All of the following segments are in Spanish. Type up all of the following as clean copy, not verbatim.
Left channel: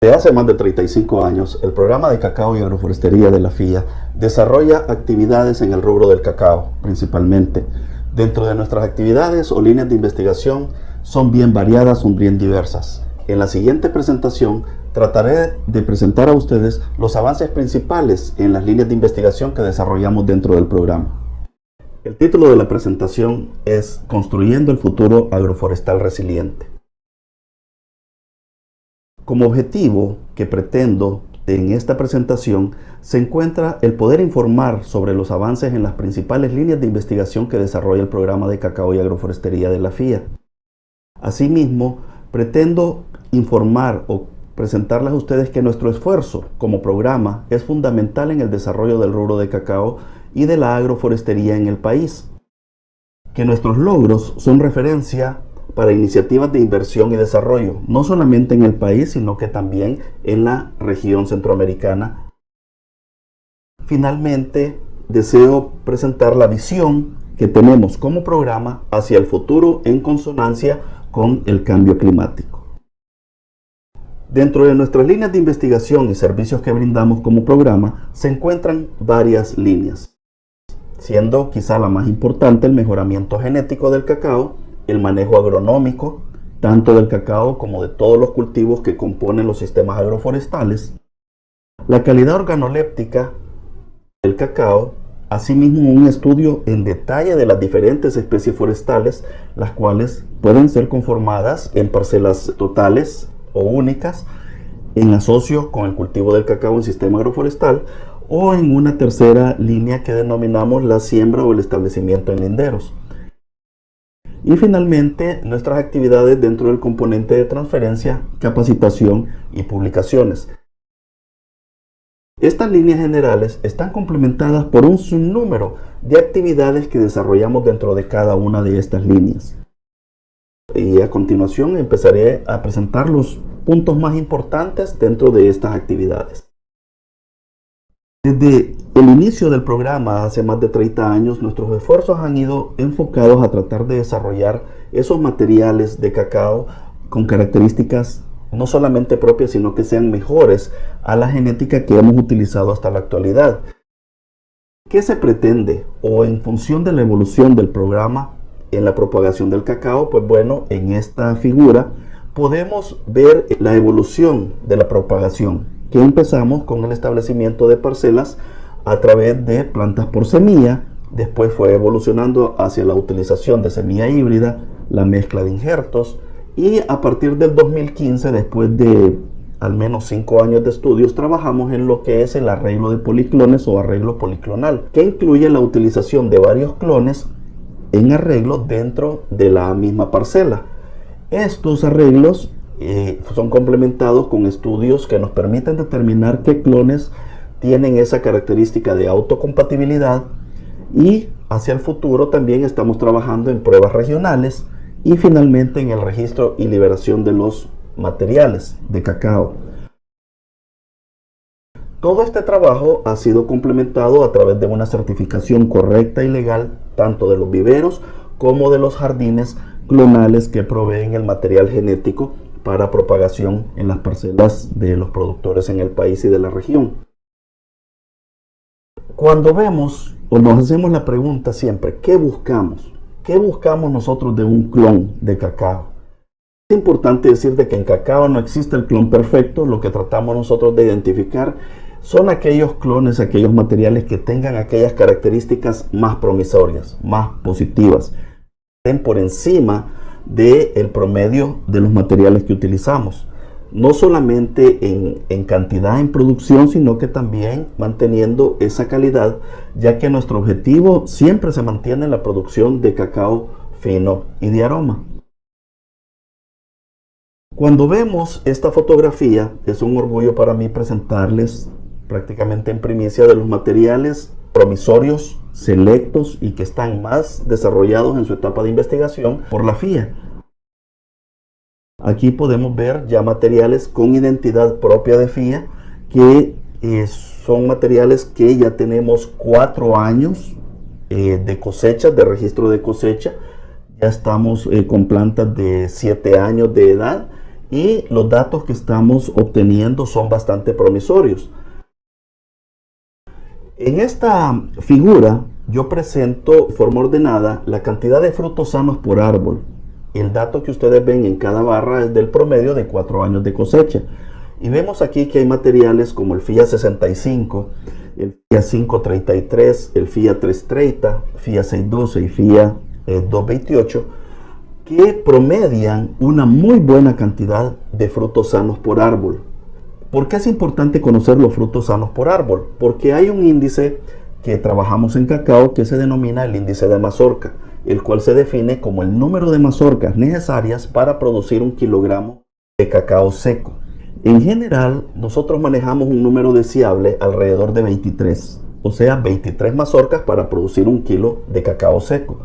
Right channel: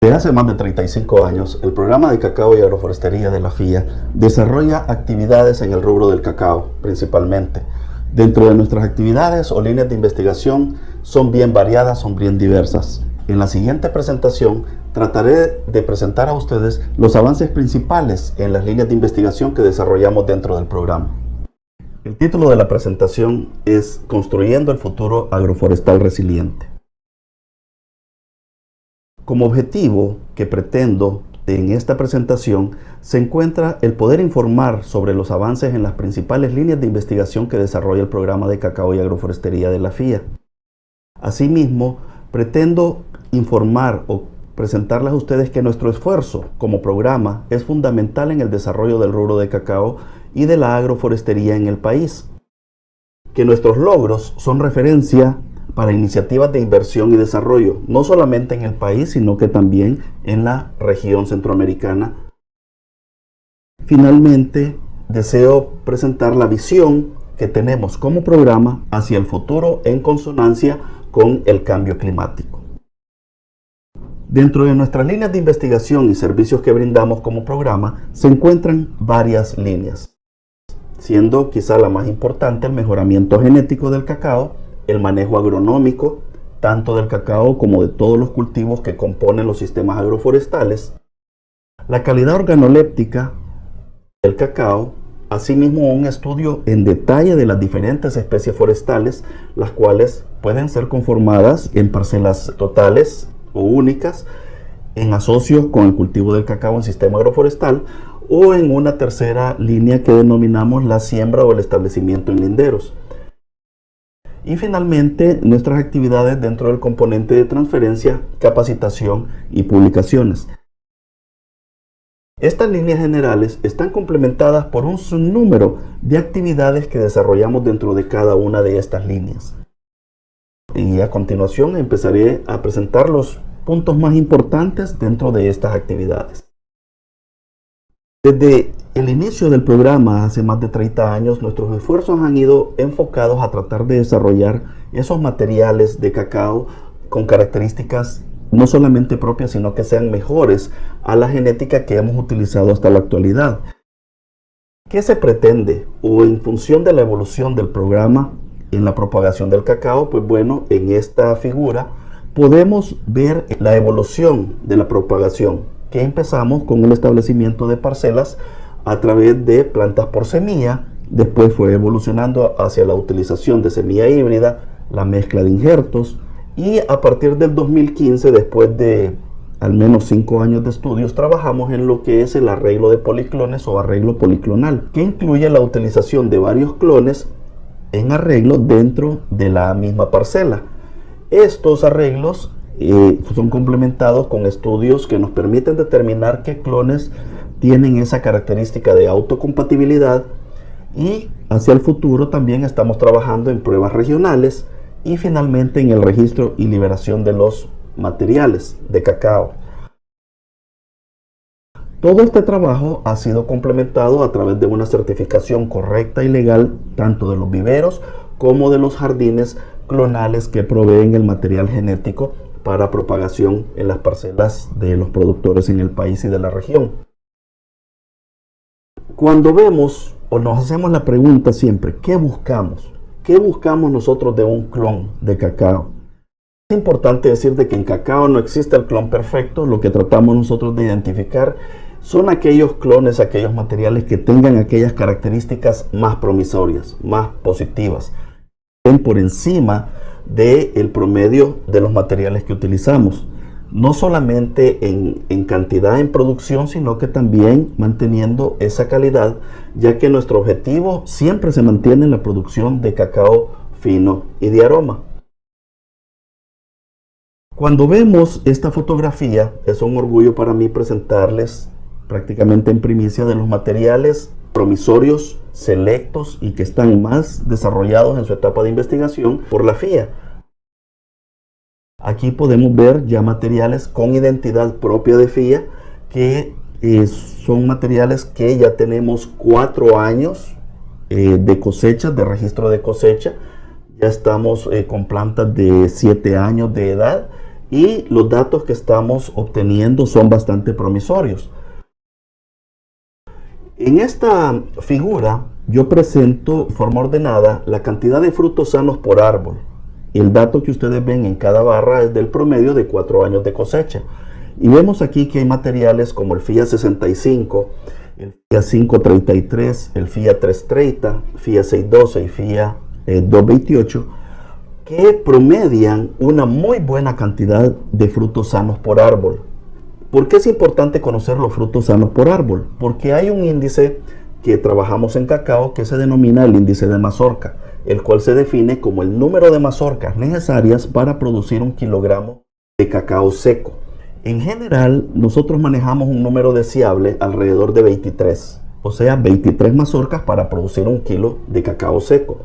Desde hace más de 35 años, el programa de cacao y agroforestería de la FIA desarrolla actividades en el rubro del cacao, principalmente. Dentro de nuestras actividades o líneas de investigación son bien variadas, son bien diversas. En la siguiente presentación trataré de presentar a ustedes los avances principales en las líneas de investigación que desarrollamos dentro del programa. El título de la presentación es Construyendo el futuro agroforestal resiliente. Como objetivo que pretendo en esta presentación se encuentra el poder informar sobre los avances en las principales líneas de investigación que desarrolla el programa de cacao y agroforestería de la FIA. Asimismo, pretendo informar o presentarles a ustedes que nuestro esfuerzo como programa es fundamental en el desarrollo del rubro de cacao y de la agroforestería en el país, que nuestros logros son referencia para iniciativas de inversión y desarrollo, no solamente en el país, sino que también en la región centroamericana. Finalmente, deseo presentar la visión que tenemos como programa hacia el futuro en consonancia con el cambio climático. Dentro de nuestras líneas de investigación y servicios que brindamos como programa, se encuentran varias líneas, siendo quizá la más importante el mejoramiento genético del cacao, el manejo agronómico, tanto del cacao como de todos los cultivos que componen los sistemas agroforestales, la calidad organoléptica del cacao, asimismo un estudio en detalle de las diferentes especies forestales, las cuales pueden ser conformadas en parcelas totales o únicas, en asocio con el cultivo del cacao en sistema agroforestal, o en una tercera línea que denominamos la siembra o el establecimiento en linderos. Y finalmente, nuestras actividades dentro del componente de transferencia, capacitación y publicaciones. Estas líneas generales están complementadas por un sinnúmero de actividades que desarrollamos dentro de cada una de estas líneas. Y a continuación empezaré a presentar los puntos más importantes dentro de estas actividades. Desde el inicio del programa, hace más de 30 años, nuestros esfuerzos han ido enfocados a tratar de desarrollar esos materiales de cacao con características no solamente propias, sino que sean mejores a la genética que hemos utilizado hasta la actualidad. ¿Qué se pretende? O en función de la evolución del programa en la propagación del cacao, pues bueno, en esta figura podemos ver la evolución de la propagación, que empezamos con el establecimiento de parcelas a través de plantas por semilla, después fue evolucionando hacia la utilización de semilla híbrida, la mezcla de injertos, y a partir del 2015, después de al menos 5 años de estudios, trabajamos en lo que es el arreglo de policlones o arreglo policlonal, que incluye la utilización de varios clones en arreglo dentro de la misma parcela. Estos arreglos son complementados con estudios que nos permiten determinar qué clones tienen esa característica de autocompatibilidad, y hacia el futuro también estamos trabajando en pruebas regionales y finalmente en el registro y liberación de los materiales de cacao. Todo este trabajo ha sido complementado a través de una certificación correcta y legal tanto de los viveros como de los jardines clonales que proveen el material genético para propagación en las parcelas de los productores en el país y de la región. Cuando vemos o nos hacemos la pregunta siempre, ¿qué buscamos? ¿Qué buscamos nosotros de un clon de cacao? Es importante decir de que en cacao no existe el clon perfecto. Lo que tratamos nosotros de identificar son aquellos clones, aquellos materiales que tengan aquellas características más promisorias, más positivas, que estén por encima del promedio de los materiales que utilizamos, no solamente en cantidad en producción, sino que también manteniendo esa calidad, ya que nuestro objetivo siempre se mantiene en la producción de cacao fino y de aroma. Cuando vemos esta fotografía, es un orgullo para mí presentarles prácticamente en primicia de los materiales promisorios, selectos y que están más desarrollados en su etapa de investigación por la FIA. Aquí podemos ver ya materiales con identidad propia de FIA, que son materiales que ya tenemos 4 años de cosecha, de registro de cosecha. Ya estamos con plantas de 7 años de edad y los datos que estamos obteniendo son bastante promisorios. En esta figura yo presento de forma ordenada la cantidad de frutos sanos por árbol. El dato que ustedes ven en cada barra es del promedio de 4 años de cosecha. Y vemos aquí que hay materiales como el FIA 65, el FIA 533, el FIA 330, FIA 612 y FIA 228, que promedian una muy buena cantidad de frutos sanos por árbol. ¿Por qué es importante conocer los frutos sanos por árbol? Porque hay un índice que trabajamos en cacao que se denomina el índice de mazorca, el cual se define como el número de mazorcas necesarias para producir 1 kilogramo de cacao seco. En general, nosotros manejamos un número deseable alrededor de 23, o sea, 23 mazorcas para producir 1 kilo de cacao seco.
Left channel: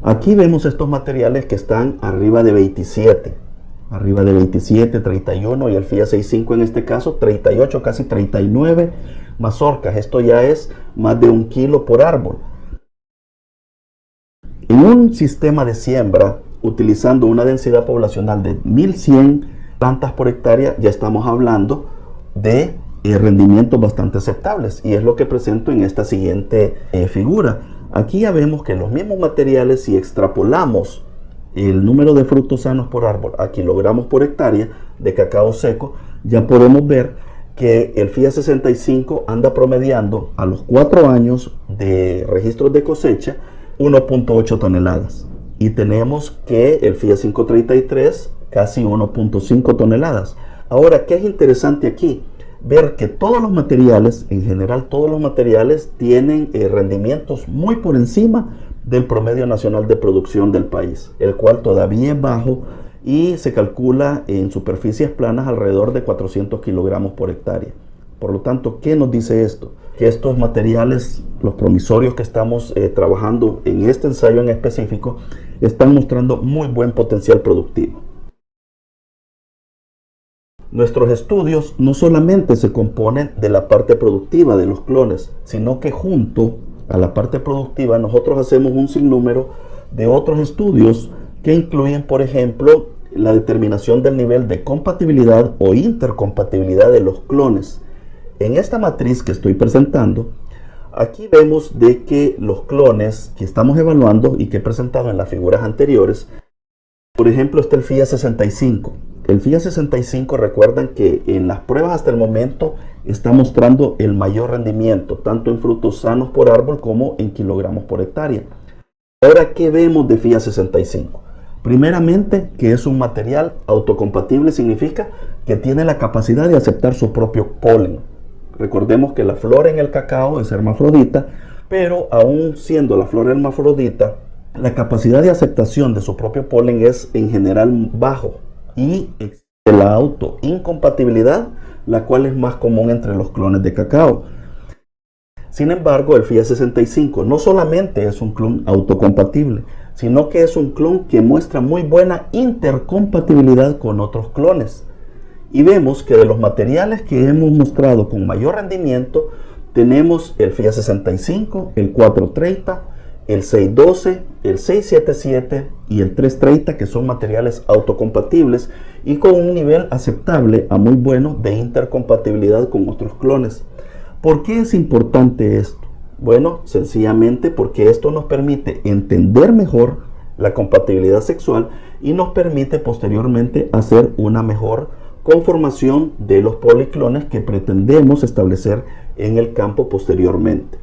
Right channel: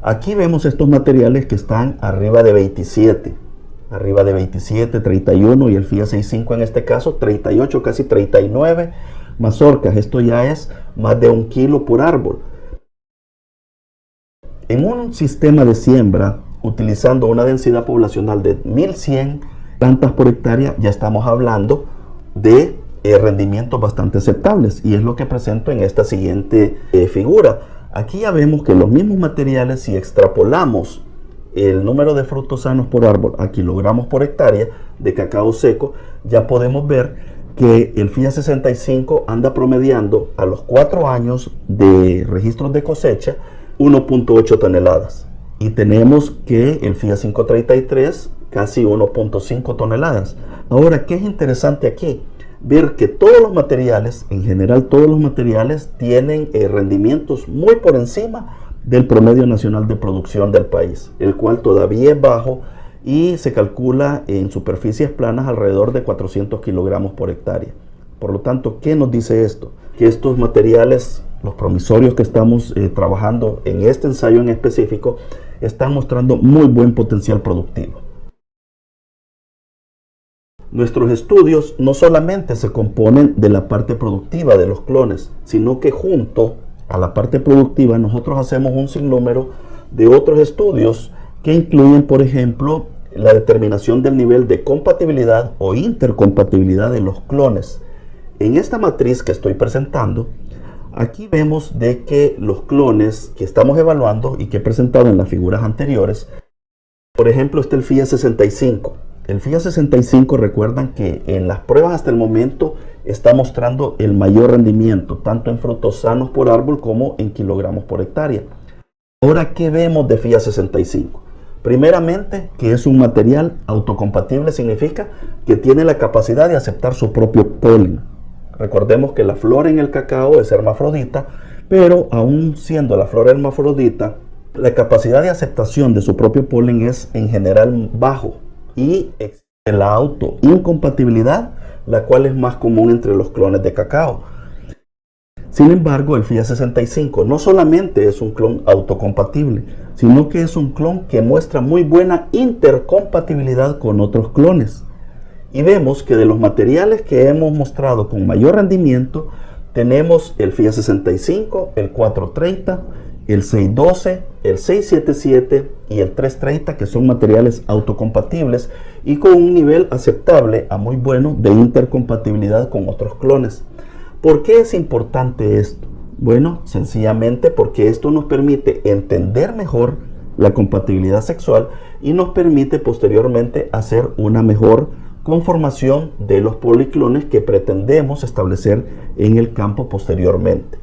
Aquí vemos estos materiales que están arriba de 27, 31 y el FIA 65 en este caso 38, casi 39 mazorcas. Esto ya es más de 1 kilo por árbol. En un sistema de siembra utilizando una densidad poblacional de 1100 plantas por hectárea, ya estamos hablando de rendimientos bastante aceptables, y es lo que presento en esta siguiente figura. Aquí ya vemos que los mismos materiales, si extrapolamos el número de frutos sanos por árbol a kilogramos por hectárea de cacao seco, ya podemos ver que el FIA 65 anda promediando a los 4 años de registros de cosecha 1.8 toneladas. Y tenemos que el FIA 533 casi 1.5 toneladas. Ahora, ¿qué es interesante aquí? Ver que todos los materiales, en general todos los materiales, tienen rendimientos muy por encima del promedio nacional de producción del país, el cual todavía es bajo y se calcula en superficies planas alrededor de 400 kilogramos por hectárea. Por lo tanto, ¿qué nos dice esto? Que estos materiales, los promisorios que estamos trabajando en este ensayo en específico, están mostrando muy buen potencial productivo. Nuestros estudios no solamente se componen de la parte productiva de los clones, sino que junto a la parte productiva nosotros hacemos un sinnúmero de otros estudios que incluyen, por ejemplo, la determinación del nivel de compatibilidad o intercompatibilidad de los clones. En esta matriz que estoy presentando, aquí vemos de que los clones que estamos evaluando y que he presentado en las figuras anteriores, por ejemplo, está el FIA 65. El FIA 65, recuerdan que en las pruebas hasta el momento está mostrando el mayor rendimiento, tanto en frutos sanos por árbol como en kilogramos por hectárea. Ahora, ¿qué vemos de FIA 65? Primeramente, que es un material autocompatible, significa que tiene la capacidad de aceptar su propio polen. Recordemos que la flor en el cacao es hermafrodita, pero aún siendo la flor hermafrodita, la capacidad de aceptación de su propio polen es en general bajo, y existe la autoincompatibilidad, la cual es más común entre los clones de cacao. Sin embargo, el FIA 65 no solamente es un clon autocompatible, sino que es un clon que muestra muy buena intercompatibilidad con otros clones. Y vemos que de los materiales que hemos mostrado con mayor rendimiento, tenemos el FIA 65, el 430, el 612, el 677 y el 330, que son materiales autocompatibles y con un nivel aceptable a muy bueno de intercompatibilidad con otros clones. ¿Por qué es importante esto? Bueno, sencillamente porque esto nos permite entender mejor la compatibilidad sexual y nos permite posteriormente hacer una mejor conformación de los policlones que pretendemos establecer en el campo posteriormente.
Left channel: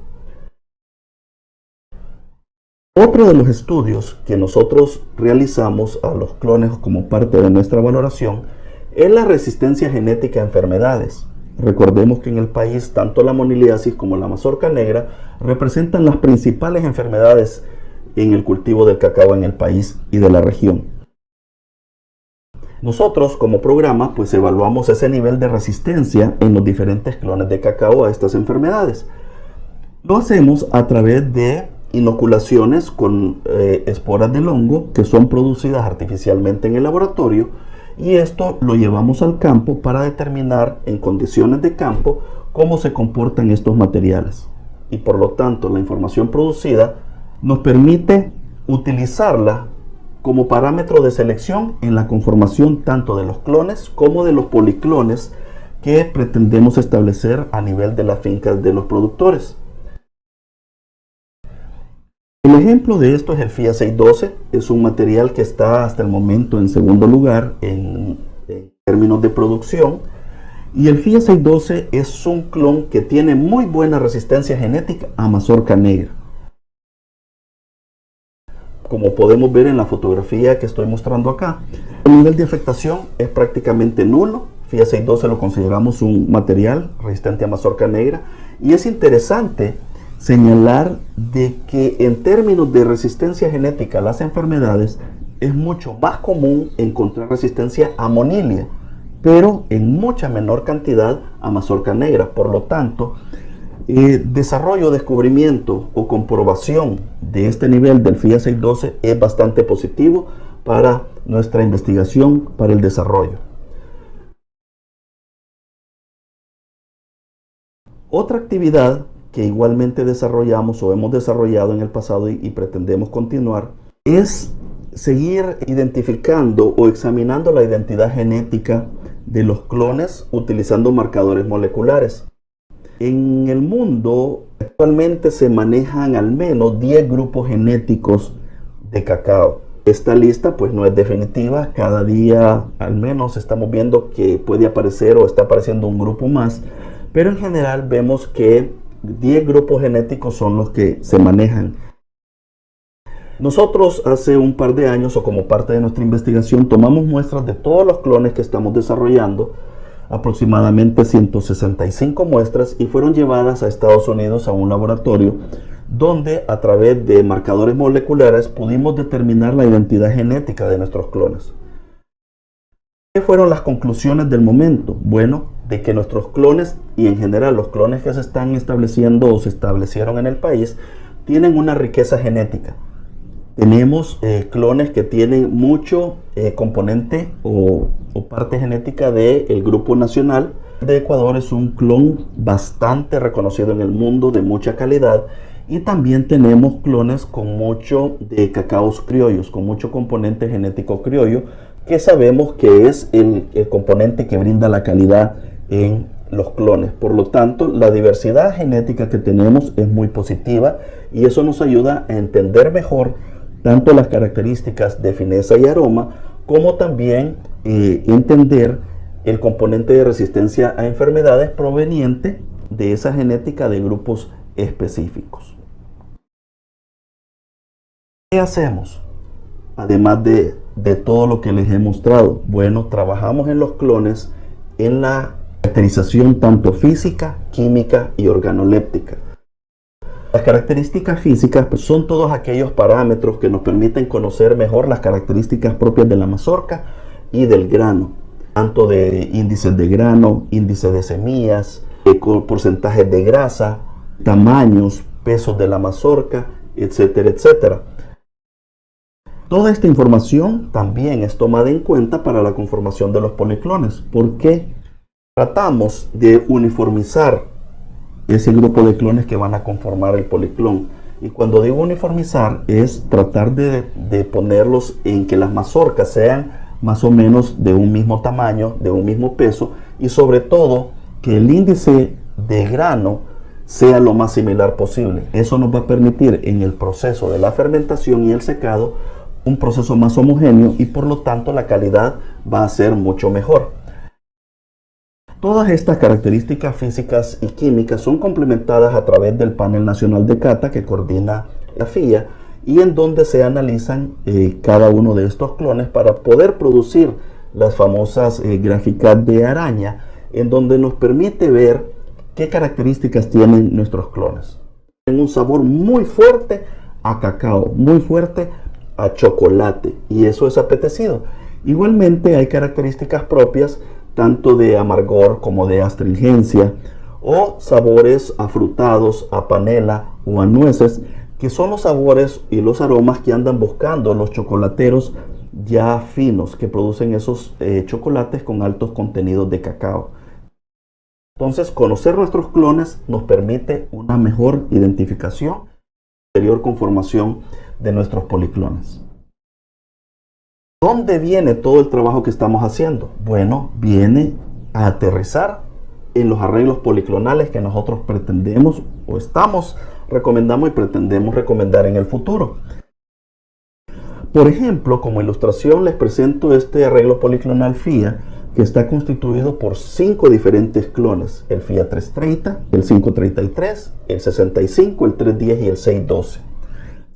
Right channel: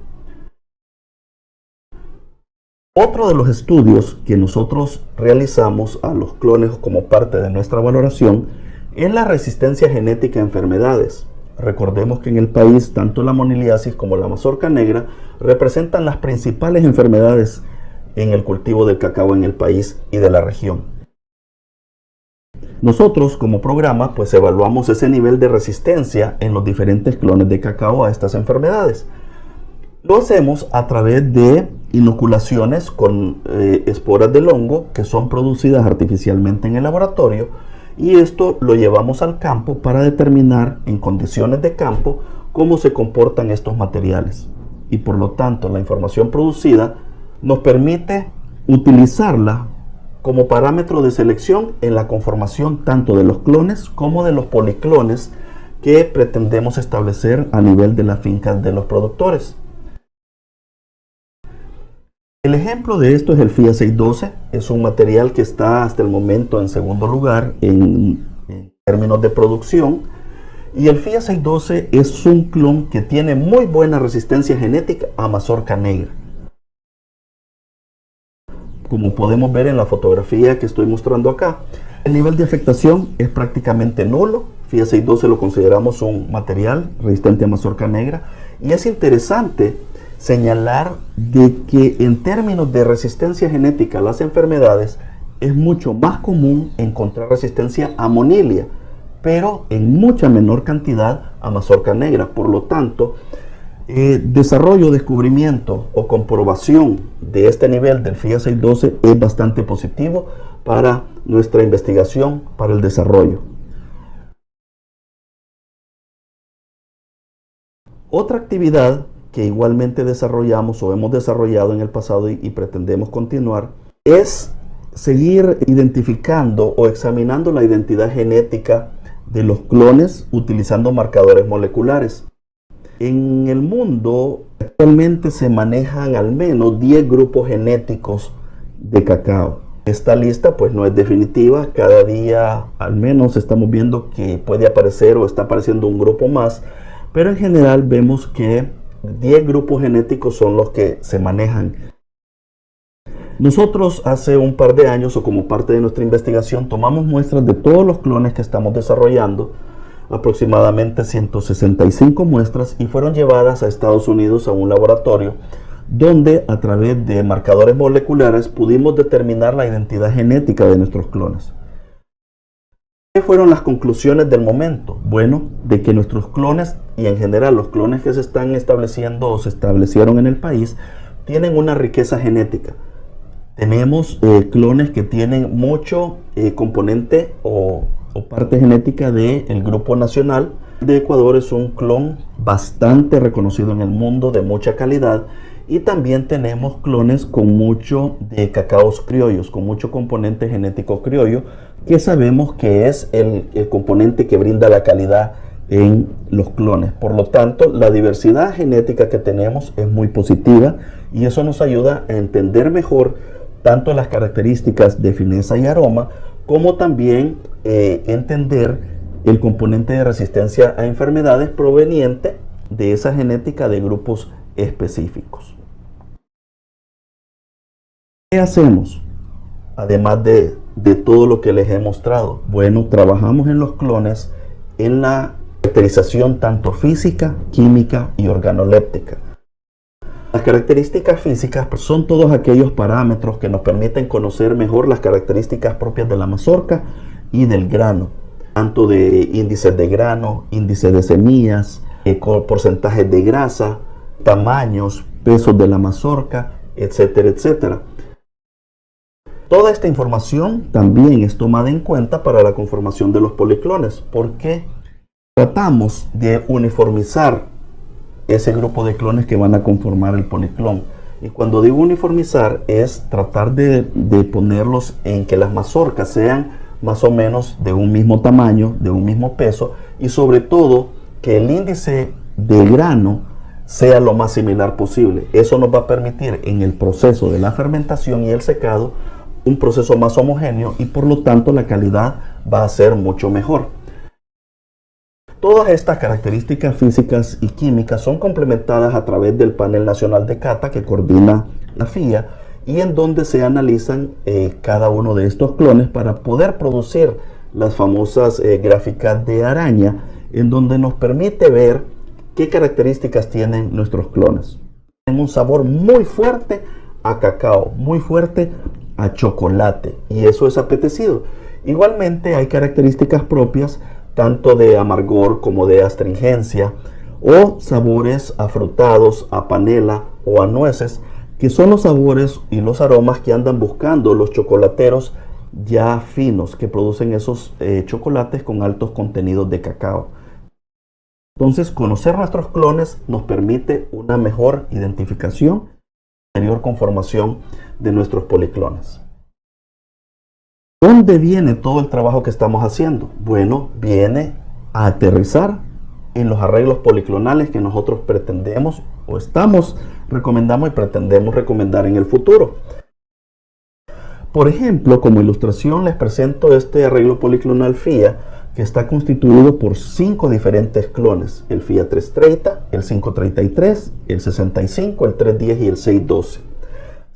Otro de los estudios que nosotros realizamos a los clones como parte de nuestra valoración es la resistencia genética a enfermedades. Recordemos que en el país tanto la moniliasis como la mazorca negra representan las principales enfermedades en el cultivo del cacao en el país y de la región. Nosotros como programa pues evaluamos ese nivel de resistencia en los diferentes clones de cacao a estas enfermedades. Lo hacemos a través de inoculaciones con esporas del hongo que son producidas artificialmente en el laboratorio, y esto lo llevamos al campo para determinar en condiciones de campo cómo se comportan estos materiales. Y por lo tanto la información producida nos permite utilizarla como parámetro de selección en la conformación tanto de los clones como de los policlones que pretendemos establecer a nivel de las fincas de los productores. El ejemplo de esto es el FIA 612, es un material que está hasta el momento en segundo lugar en términos de producción, y el FIA 612 es un clon que tiene muy buena resistencia genética a mazorca negra. Como podemos ver en la fotografía que estoy mostrando acá, el nivel de afectación es prácticamente nulo. FIA 612 lo consideramos un material resistente a mazorca negra, y es interesante señalar de que en términos de resistencia genética a las enfermedades es mucho más común encontrar resistencia a monilia, pero en mucha menor cantidad a mazorca negra. Por lo tanto, desarrollo, descubrimiento o comprobación de este nivel del FIA 612 es bastante positivo para nuestra investigación, para el desarrollo. Otra actividad que igualmente desarrollamos o hemos desarrollado en el pasado y pretendemos continuar es seguir identificando o examinando la identidad genética de los clones utilizando marcadores moleculares. En el mundo actualmente se manejan al menos 10 grupos genéticos de cacao. Esta lista pues no es definitiva, cada día al menos estamos viendo que puede aparecer o está apareciendo un grupo más, pero en general vemos que 10 grupos genéticos son los que se manejan. Nosotros hace un par de años, o como parte de nuestra investigación, tomamos muestras de todos los clones que estamos desarrollando, aproximadamente 165 muestras, y fueron llevadas a Estados Unidos a un laboratorio donde a través de marcadores moleculares pudimos determinar la identidad genética de nuestros clones. ¿Qué fueron las conclusiones del momento? Bueno, de que nuestros clones y en general los clones que se están estableciendo o se establecieron en el país tienen una riqueza genética. Tenemos clones que tienen mucho componente o parte genética del grupo nacional de Ecuador. Es un clon bastante reconocido en el mundo, de mucha calidad, y también tenemos clones con mucho de cacaos criollos, con mucho componente genético criollo, que sabemos que es el componente que brinda la calidad en los clones. Por lo tanto, la diversidad genética que tenemos es muy positiva, y eso nos ayuda a entender mejor tanto las características de fineza y aroma, como también entender el componente de resistencia a enfermedades proveniente de esa genética de grupos específicos. ¿Qué hacemos? Además de todo lo que les he mostrado, bueno, trabajamos en los clones en la caracterización tanto física, química y organoléptica. Las características físicas son todos aquellos parámetros que nos permiten conocer mejor las características propias de la mazorca y del grano, tanto de índices de grano, índices de semillas, porcentajes de grasa, tamaños, pesos de la mazorca, etcétera, etcétera. Toda esta información también es tomada en cuenta para la conformación de los policlones, porque tratamos de uniformizar ese grupo de clones que van a conformar el policlón. Y cuando digo uniformizar es tratar de ponerlos en que las mazorcas sean más o menos de un mismo tamaño, de un mismo peso, y sobre todo que el índice de grano sea lo más similar posible. Eso nos va a permitir en el proceso de la fermentación y el secado un proceso más homogéneo, y por lo tanto la calidad va a ser mucho mejor. Todas estas características físicas y químicas son complementadas a través del panel nacional de cata que coordina la FIA, y en donde se analizan cada uno de estos clones para poder producir las famosas gráficas de araña, en donde nos permite ver qué características tienen nuestros clones. Tienen un sabor muy fuerte a cacao, muy fuerte a chocolate, y eso es apetecido. Igualmente hay características propias tanto de amargor como de astringencia, o sabores afrutados, a panela o a nueces, que son los sabores y los aromas que andan buscando los chocolateros ya finos, que producen esos chocolates con altos contenidos de cacao. Entonces, conocer nuestros clones nos permite una mejor identificación y posterior conformación de nuestros policlones. ¿Dónde viene todo el trabajo que estamos haciendo? Bueno, viene a aterrizar en los arreglos policlonales que nosotros pretendemos o recomendamos y pretendemos recomendar en el futuro. Por ejemplo, como ilustración les presento este arreglo policlonal FIA que está constituido por 5 diferentes clones: el FIA 330, el 533, el 65, el 310 y el 612.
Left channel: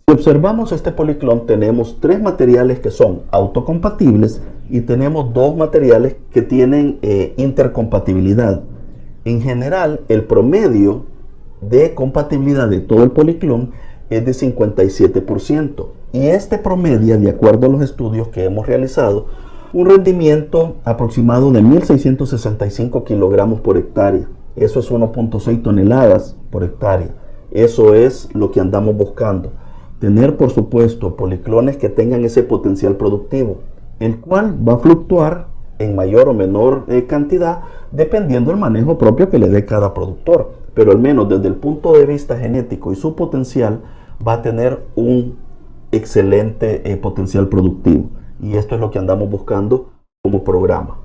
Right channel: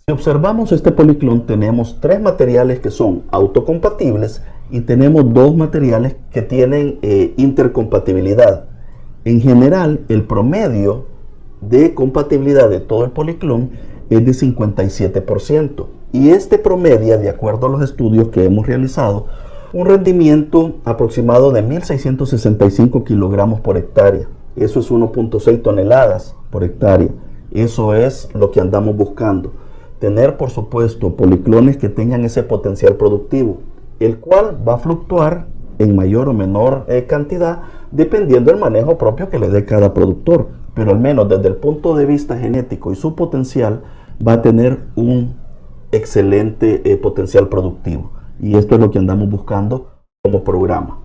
Si observamos este policlon, tenemos 3 materiales que son autocompatibles y tenemos 2 materiales que tienen intercompatibilidad. En general, el promedio de compatibilidad de todo el policlon es de 57%, y este promedia, de acuerdo a los estudios que hemos realizado, un rendimiento aproximado de 1.665 kilogramos por hectárea. Eso es 1.6 toneladas por hectárea. Eso es lo que andamos buscando. Tener, por supuesto, policlones que tengan ese potencial productivo, el cual va a fluctuar en mayor o menor cantidad dependiendo del manejo propio que le dé cada productor, pero al menos desde el punto de vista genético y su potencial va a tener un excelente potencial productivo, y esto es lo que andamos buscando como programa.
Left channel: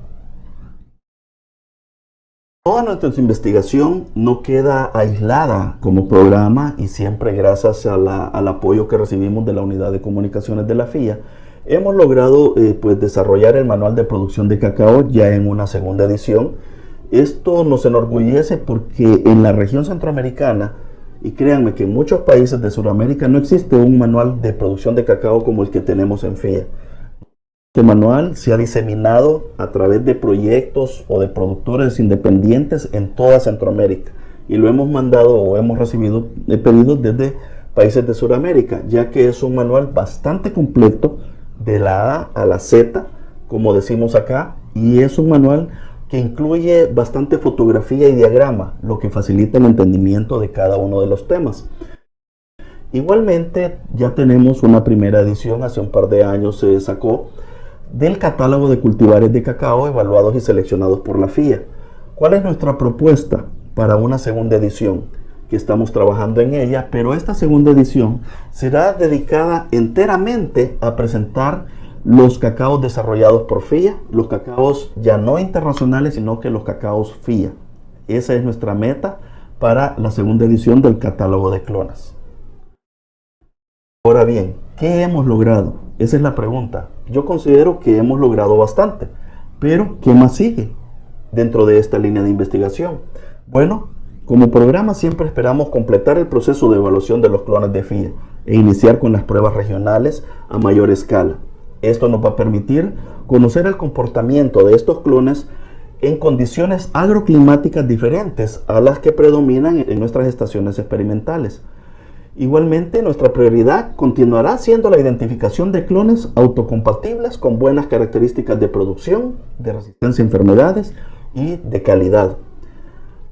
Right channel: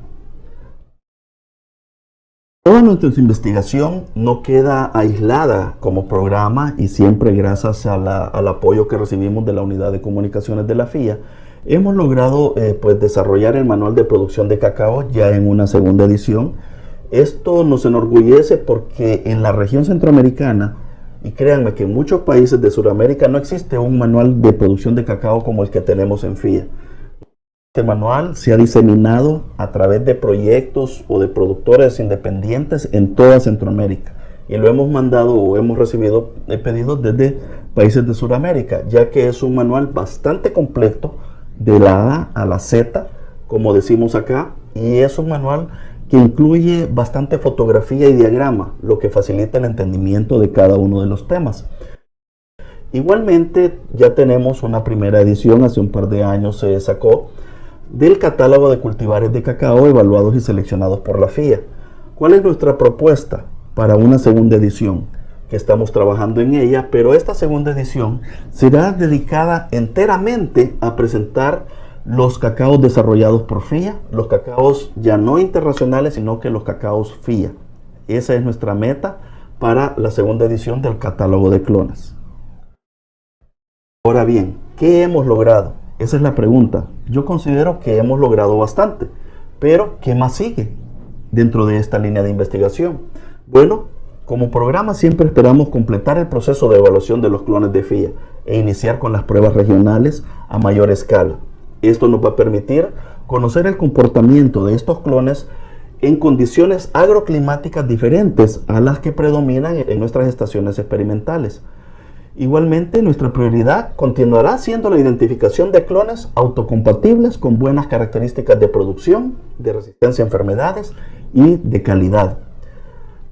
Toda nuestra investigación no queda aislada como programa, y siempre gracias al apoyo que recibimos de la Unidad de Comunicaciones de la FIA, hemos logrado desarrollar el manual de producción de cacao ya en una segunda edición. Esto nos enorgullece porque en la región centroamericana, y créanme que en muchos países de Sudamérica, no existe un manual de producción de cacao como el que tenemos en FIA. Este manual se ha diseminado a través de proyectos o de productores independientes en toda Centroamérica, y lo hemos mandado o hemos recibido pedidos desde países de Sudamérica, ya que es un manual bastante completo de la A a la Z, como decimos acá, y es un manual que incluye bastante fotografía y diagrama, lo que facilita el entendimiento de cada uno de los temas. Igualmente, ya tenemos una primera edición, hace un par de años se sacó, del catálogo de cultivares de cacao evaluados y seleccionados por la FIA. ¿Cuál es nuestra propuesta para una segunda edición? Que estamos trabajando en ella, pero esta segunda edición será dedicada enteramente a presentar los cacaos desarrollados por FIA, los cacaos ya no internacionales, sino que los cacaos FIA. Esa es nuestra meta para la segunda edición del catálogo de clones. Ahora bien, ¿qué hemos logrado? Esa es la pregunta. Yo considero que hemos logrado bastante, pero ¿qué más sigue dentro de esta línea de investigación? Bueno, como programa siempre esperamos completar el proceso de evaluación de los clones de FIA e iniciar con las pruebas regionales a mayor escala. Esto nos va a permitir conocer el comportamiento de estos clones en condiciones agroclimáticas diferentes a las que predominan en nuestras estaciones experimentales. Igualmente, nuestra prioridad continuará siendo la identificación de clones autocompatibles con buenas características de producción, de resistencia a enfermedades y de calidad.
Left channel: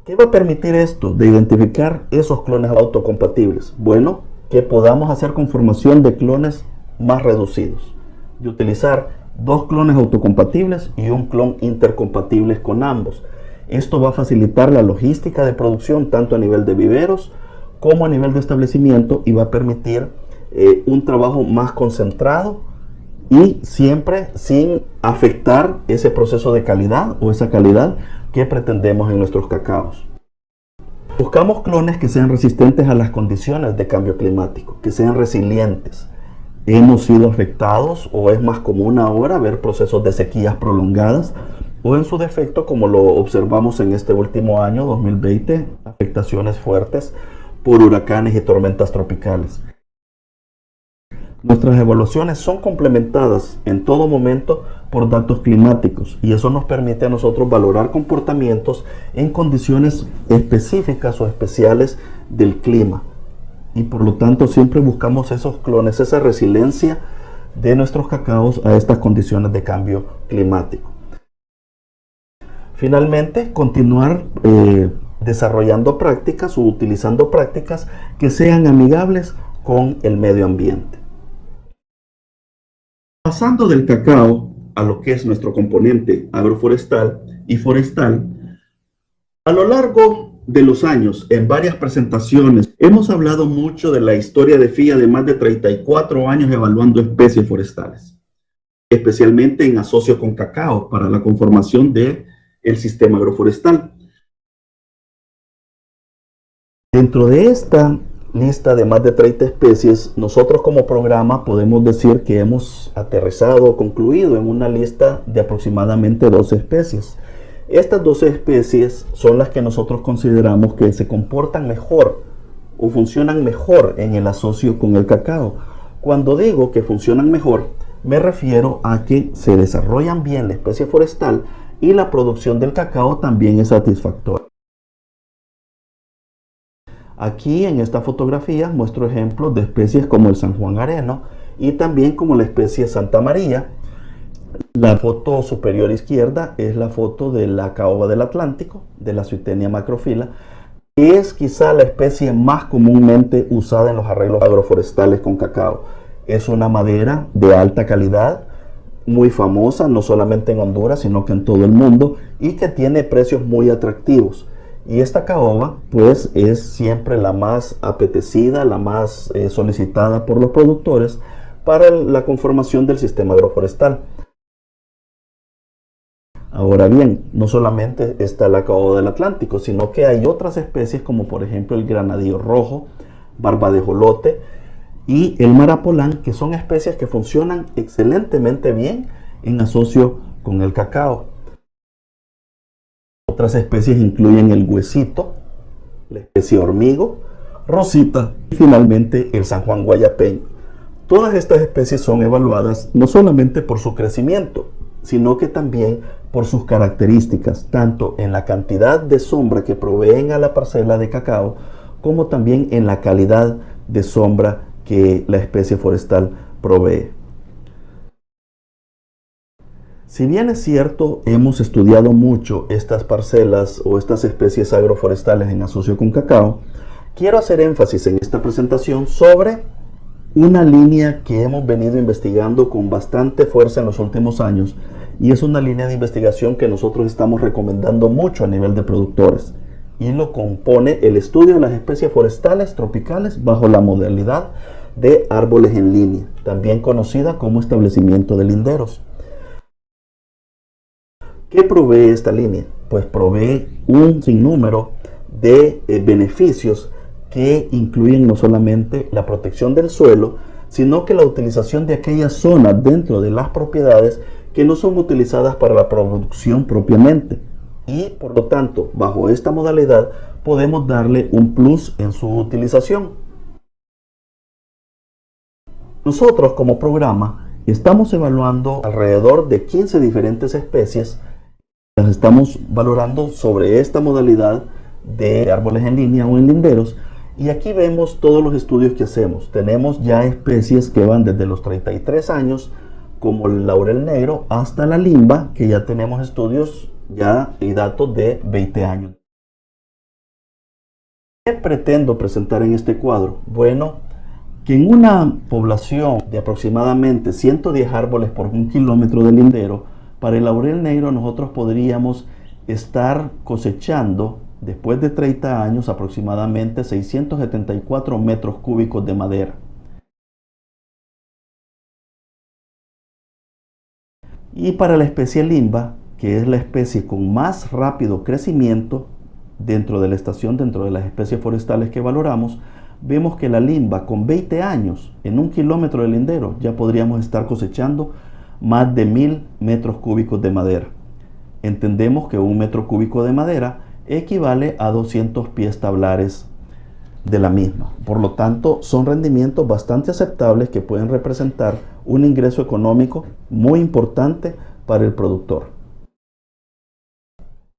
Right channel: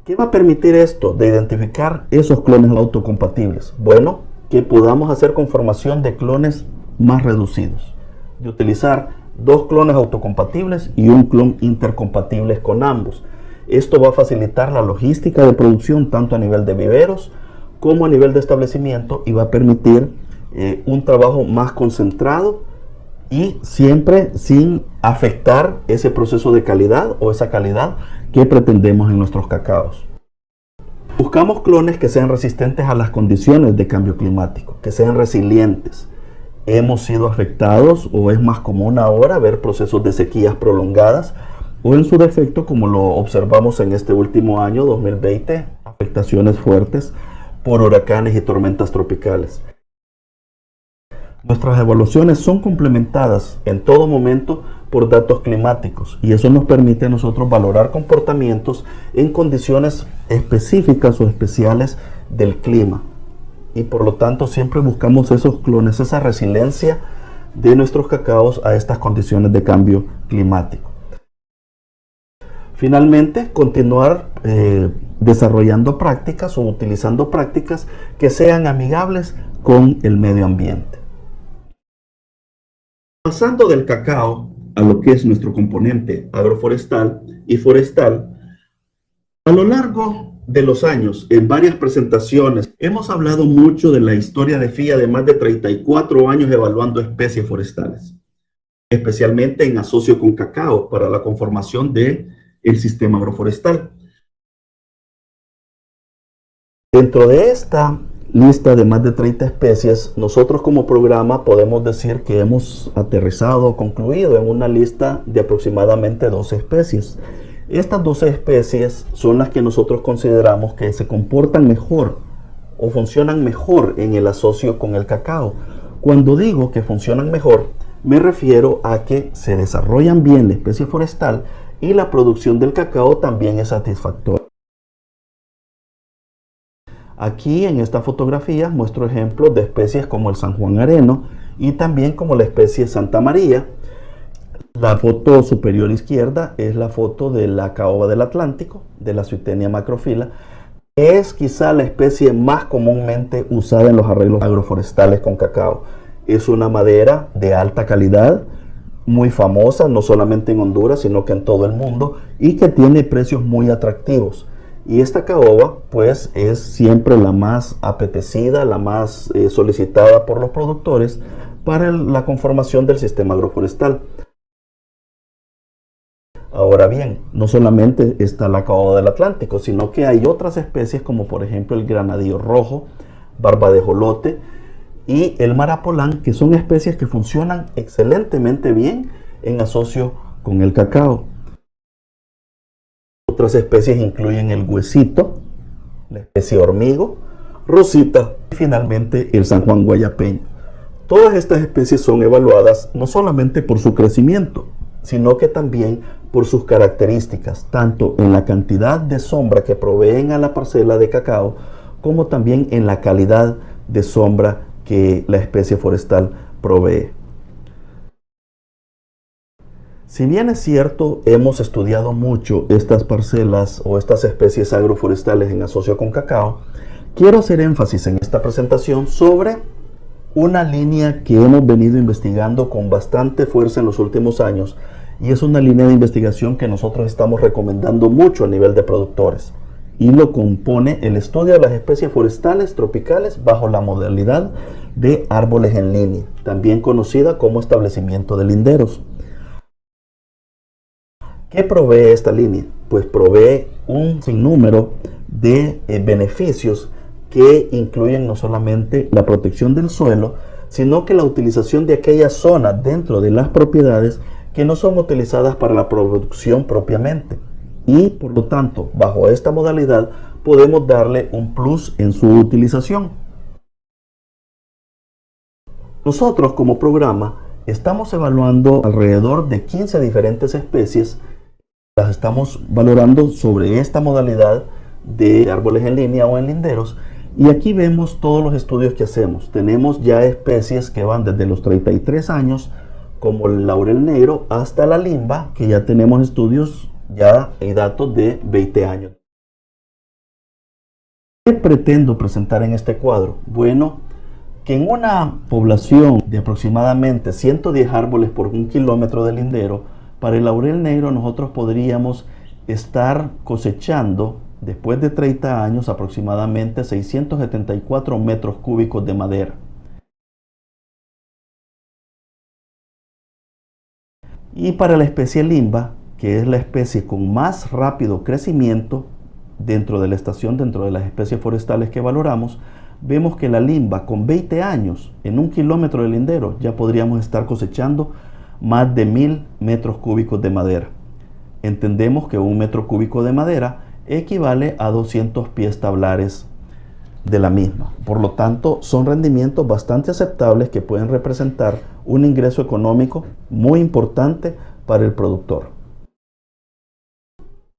¿Qué va a permitir esto de identificar esos clones autocompatibles? Bueno, que podamos hacer conformación de clones más reducidos, de utilizar 2 clones autocompatibles y un clon intercompatibles con ambos. Esto va a facilitar la logística de producción tanto a nivel de viveros como a nivel de establecimiento, y va a permitir un trabajo más concentrado y siempre sin afectar ese proceso de calidad o esa calidad que pretendemos en nuestros cacaos. Buscamos clones que sean resistentes a las condiciones de cambio climático, que sean resilientes. Hemos sido afectados, o es más común ahora ver procesos de sequías prolongadas, o en su defecto, como lo observamos en este último año 2020, afectaciones fuertes por huracanes y tormentas tropicales. Nuestras evaluaciones son complementadas en todo momento por datos climáticos, y eso nos permite a nosotros valorar comportamientos en condiciones específicas o especiales del clima, y por lo tanto siempre buscamos esos clones, esa resiliencia de nuestros cacaos a estas condiciones de cambio climático. Finalmente, continuar desarrollando prácticas o utilizando prácticas que sean amigables con el medio ambiente. Pasando del cacao a lo que es nuestro componente agroforestal y forestal, a lo largo de los años, en varias presentaciones, hemos hablado mucho de la historia de FIA de más de 34 años evaluando especies forestales. especialmente en asocio con cacao para la conformación del sistema agroforestal. Dentro de esta lista de más de 30 especies, nosotros como programa podemos decir que hemos aterrizado o concluido en una lista de aproximadamente 12 especies. Estas 12 especies son las que nosotros consideramos que se comportan mejor o funcionan mejor en el asocio con el cacao. Cuando digo que funcionan mejor, me refiero a que se desarrollan bien la especie forestal y la producción del cacao también es satisfactoria. Aquí en esta fotografía muestro ejemplos de especies como el San Juan Areno y también como la especie Santa María. La foto superior izquierda es la foto de la caoba del Atlántico, de la Swietenia macrophylla, que es quizá la especie más comúnmente usada en los arreglos agroforestales con cacao. Es una madera de alta calidad, muy famosa, no solamente en Honduras, sino que en todo el mundo, y que tiene precios muy atractivos. Y esta caoba, pues, es siempre la más apetecida, la más solicitada por los productores para la conformación del sistema agroforestal. Ahora bien, no solamente está la caoba del Atlántico, sino que hay otras especies como por ejemplo el granadillo rojo, barba de jolote y el marapolán, que son especies que funcionan excelentemente bien en asocio con el cacao. Otras especies incluyen el huesito, la especie hormigo, rosita y finalmente el San Juan guayapeño. Todas estas especies son evaluadas no solamente por su crecimiento, sino que también por sus características, tanto en la cantidad de sombra que proveen a la parcela de cacao, como también en la calidad de sombra que la especie forestal provee. Si bien es cierto, hemos estudiado mucho estas parcelas o estas especies agroforestales en asocio con cacao, quiero hacer énfasis en esta presentación sobre una línea que hemos venido investigando con bastante fuerza en los últimos años y es una línea de investigación que nosotros estamos recomendando mucho a nivel de productores y lo compone el estudio de las especies forestales tropicales bajo la modalidad de árboles en línea, también conocida como establecimiento de linderos. ¿Qué provee esta línea? Pues provee un sinnúmero de beneficios que incluyen no solamente la protección del suelo, sino que la utilización de aquellas zonas dentro de las propiedades que no son utilizadas para la producción propiamente. Y por lo tanto, bajo esta modalidad podemos darle un plus en su utilización. Nosotros como programa estamos evaluando alrededor de 15 diferentes especies. Las estamos valorando sobre esta modalidad de árboles en línea o en linderos y aquí vemos todos los estudios que hacemos. Tenemos ya especies que van desde los 33 años como el laurel negro hasta la limba, que ya tenemos estudios ya y datos de 20 años. ¿Qué pretendo presentar en este cuadro? Bueno, que en una población de aproximadamente 110 árboles por 1 kilómetro de lindero, para el laurel negro nosotros podríamos estar cosechando después de 30 años aproximadamente 674 metros cúbicos de madera. Y para la especie limba, que es la especie con más rápido crecimiento dentro de la estación, dentro de las especies forestales que valoramos, vemos que la limba con 20 años en 1 kilómetro de lindero ya podríamos estar cosechando más de 1000 metros cúbicos de madera. Entendemos que 1 metro cúbico de madera equivale a 200 pies tablares de la misma. Por lo tanto, son rendimientos bastante aceptables que pueden representar un ingreso económico muy importante para el productor.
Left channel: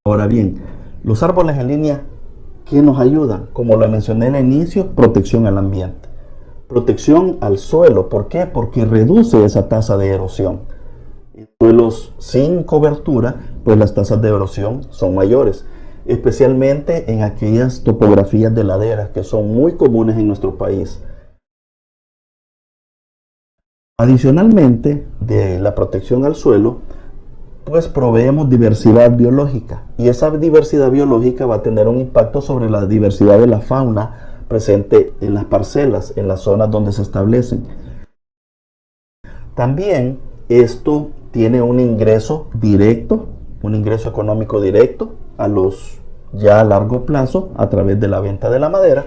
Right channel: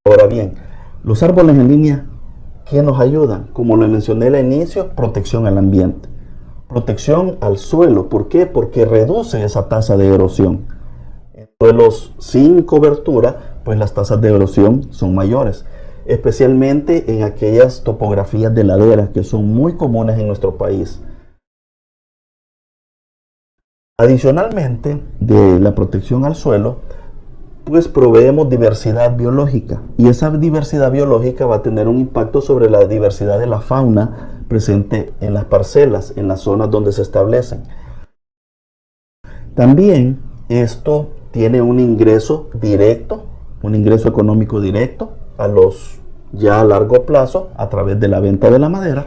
Ahora bien, los árboles en línea, ¿qué nos ayudan? Como lo mencioné al inicio, protección al ambiente. Protección al suelo. ¿Por qué? Porque reduce esa tasa de erosión. En suelos sin cobertura, pues las tasas de erosión son mayores, especialmente en aquellas topografías de laderas que son muy comunes en nuestro país. Adicionalmente de la protección al suelo, pues proveemos diversidad biológica y esa diversidad biológica va a tener un impacto sobre la diversidad de la fauna presente en las parcelas, en las zonas donde se establecen. También Esto tiene un ingreso directo, un ingreso económico directo ya a largo plazo a través de la venta de la madera.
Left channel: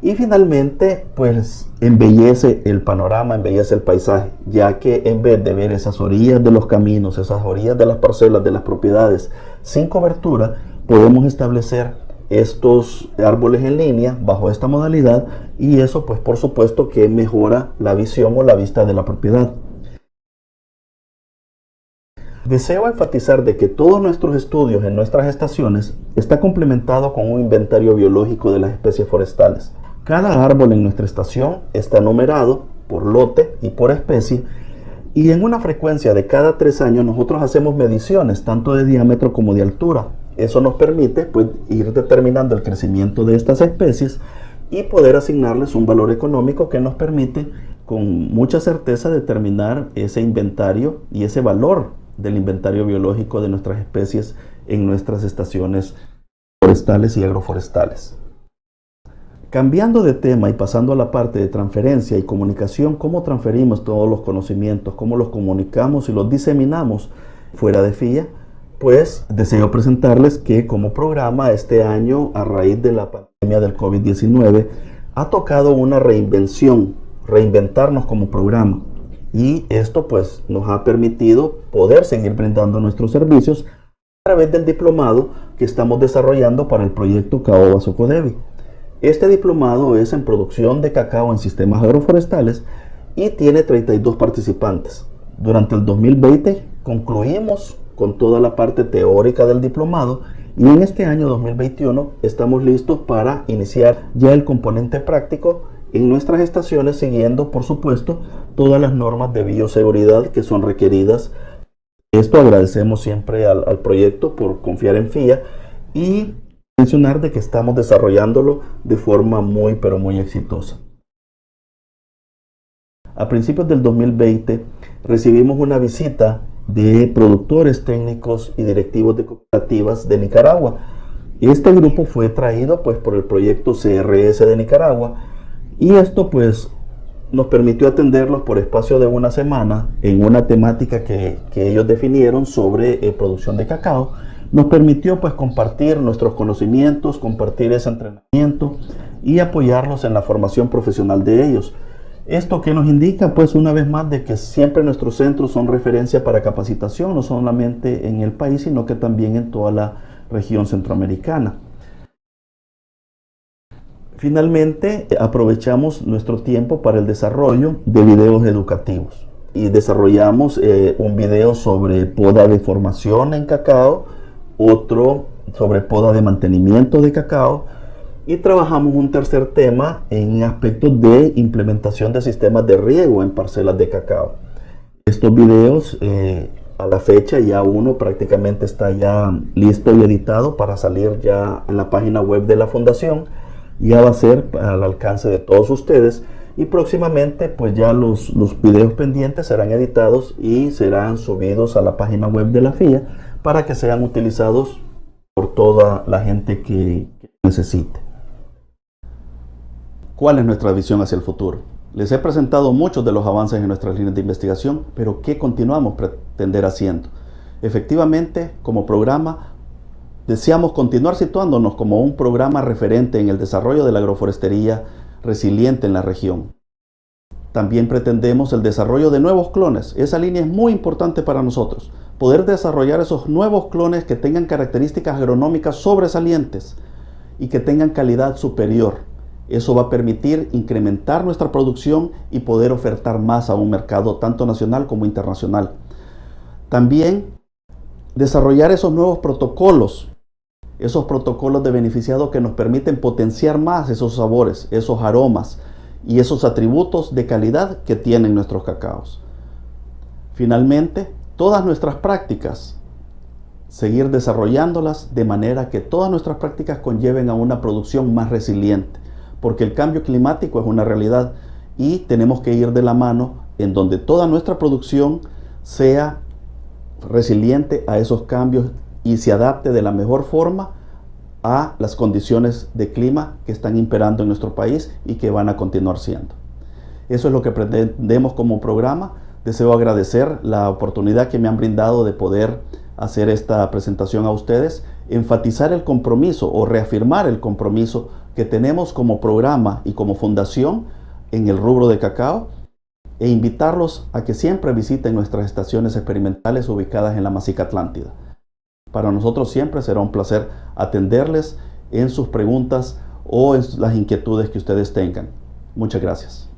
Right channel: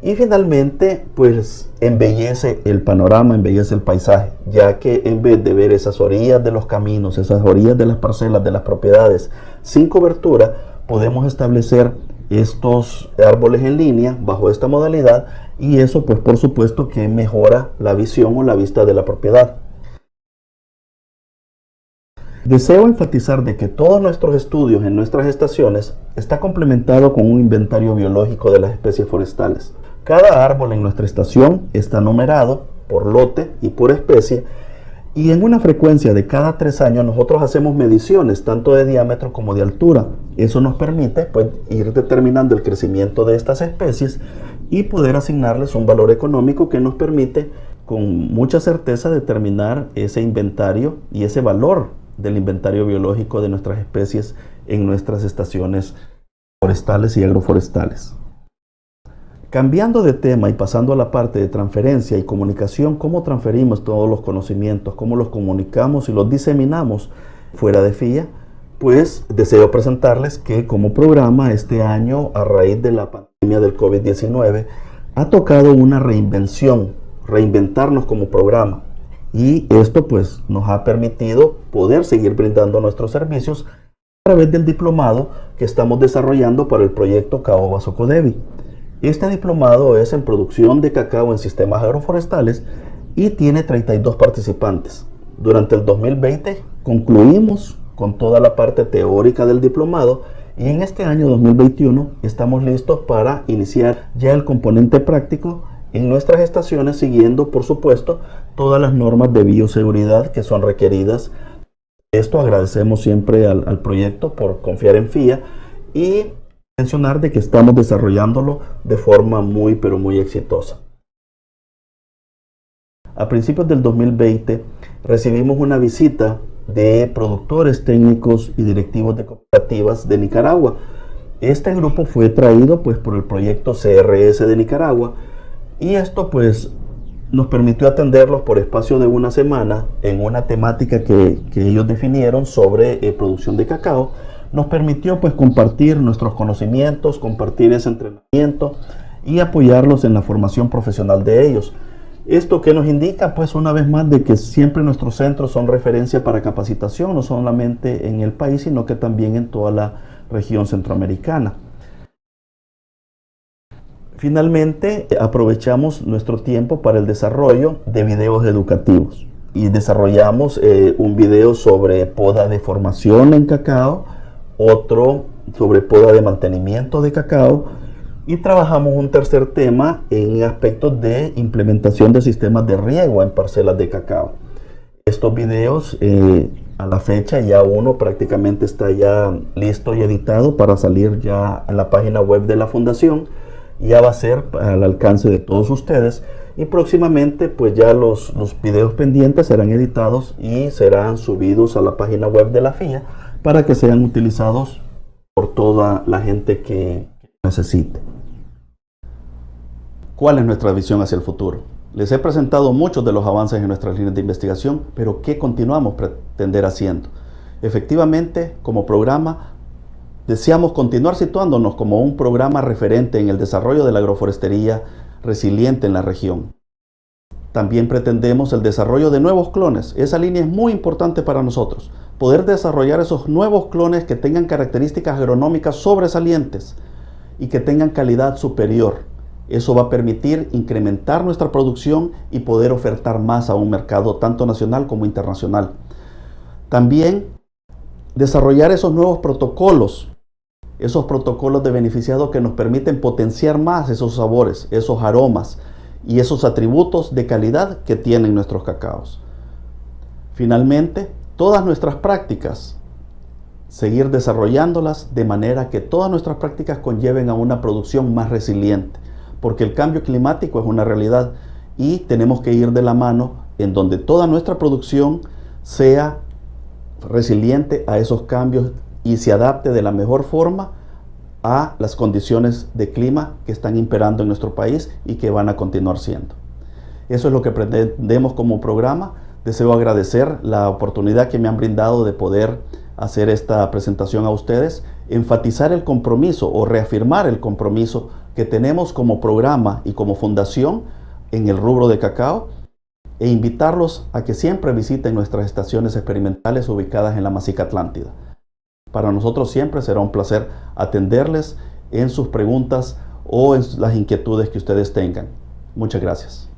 Y finalmente, pues embellece el panorama, embellece el paisaje, ya que en vez de ver esas orillas de los caminos, esas orillas de las parcelas, de las propiedades sin cobertura, podemos establecer estos árboles en línea bajo esta modalidad, y eso pues por supuesto que mejora la visión o la vista de la propiedad. Deseo enfatizar de que todos nuestros estudios en nuestras estaciones está complementado con un inventario biológico de las especies forestales. Cada árbol en nuestra estación está numerado por lote y por especie, y en una frecuencia de cada 3 años nosotros hacemos mediciones tanto de diámetro como de altura. Eso nos permite pues ir determinando el crecimiento de estas especies y poder asignarles un valor económico que nos permite con mucha certeza determinar ese inventario y ese valor del inventario biológico de nuestras especies en nuestras estaciones forestales y agroforestales. Cambiando de tema y pasando a la parte de transferencia y comunicación, ¿cómo transferimos todos los conocimientos? ¿Cómo los comunicamos y los diseminamos fuera de FIA? Pues deseo presentarles que como programa este año, a raíz de la pandemia del COVID-19, ha tocado una reinventarnos como programa. Y esto pues nos ha permitido poder seguir brindando nuestros servicios a través del diplomado que estamos desarrollando para el proyecto Caoba Socodevi. Este diplomado es en producción de cacao en sistemas agroforestales y tiene 32 participantes. Durante el 2020 concluimos con toda la parte teórica del diplomado, y en este año 2021 estamos listos para iniciar ya el componente práctico en nuestras estaciones, siguiendo por supuesto todas las normas de bioseguridad que son requeridas. Esto agradecemos siempre al proyecto por confiar en FIA y mencionar de que estamos desarrollándolo de forma muy pero muy exitosa. A principios del 2020 recibimos una visita de productores técnicos y directivos de cooperativas de Nicaragua. Este grupo fue traído pues por el proyecto CRS de Nicaragua, y esto pues nos permitió atenderlos por espacio de una semana en una temática que ellos definieron sobre producción de cacao. Nos permitió pues compartir nuestros conocimientos, compartir ese entrenamiento y apoyarlos en la formación profesional de ellos. Esto que nos indica pues una vez más de que siempre nuestros centros son referencia para capacitación, no solamente en el país, sino que también en toda la región centroamericana. Finalmente, aprovechamos nuestro tiempo para el desarrollo de videos educativos y desarrollamos un video sobre poda de formación en cacao, otro sobre poda de mantenimiento de cacao, y trabajamos un tercer tema en aspectos de implementación de sistemas de riego en parcelas de cacao. Estos videos a la fecha ya uno prácticamente está ya listo y editado para salir ya en la página web de la fundación. Ya va a ser al alcance de todos ustedes, y próximamente pues ya los videos pendientes serán editados y serán subidos a la página web de la FIA para que sean utilizados por toda la gente que necesite. ¿Cuál es nuestra visión hacia el futuro? Les he presentado muchos de los avances en nuestras líneas de investigación, pero ¿qué continuamos pretender haciendo? Efectivamente, como programa, deseamos continuar situándonos como un programa referente en el desarrollo de la agroforestería resiliente en la región. También pretendemos el desarrollo de nuevos clones. Esa línea es muy importante para nosotros. Poder desarrollar esos nuevos clones que tengan características agronómicas sobresalientes y que tengan calidad superior. Eso va a permitir incrementar nuestra producción y poder ofertar más a un mercado tanto nacional como internacional. También desarrollar esos nuevos protocolos de beneficiado que nos permiten potenciar más esos sabores, esos aromas y esos atributos de calidad que tienen nuestros cacaos. Finalmente, todas nuestras prácticas, seguir desarrollándolas de manera que todas nuestras prácticas conlleven a una producción más resiliente, porque el cambio climático es una realidad y tenemos que ir de la mano en donde toda nuestra producción sea resiliente a esos cambios y se adapte de la mejor forma a las condiciones de clima que están imperando en nuestro país y que van a continuar siendo. Eso es lo que pretendemos como programa, Deseo agradecer la oportunidad que me han brindado de poder hacer esta presentación a ustedes, enfatizar el compromiso o reafirmar el compromiso que tenemos como programa y como fundación en el rubro de cacao, e invitarlos a que siempre visiten nuestras estaciones experimentales ubicadas en la Masica Atlántida. Para nosotros siempre será un placer atenderles en sus preguntas o en las inquietudes que ustedes tengan. Muchas gracias.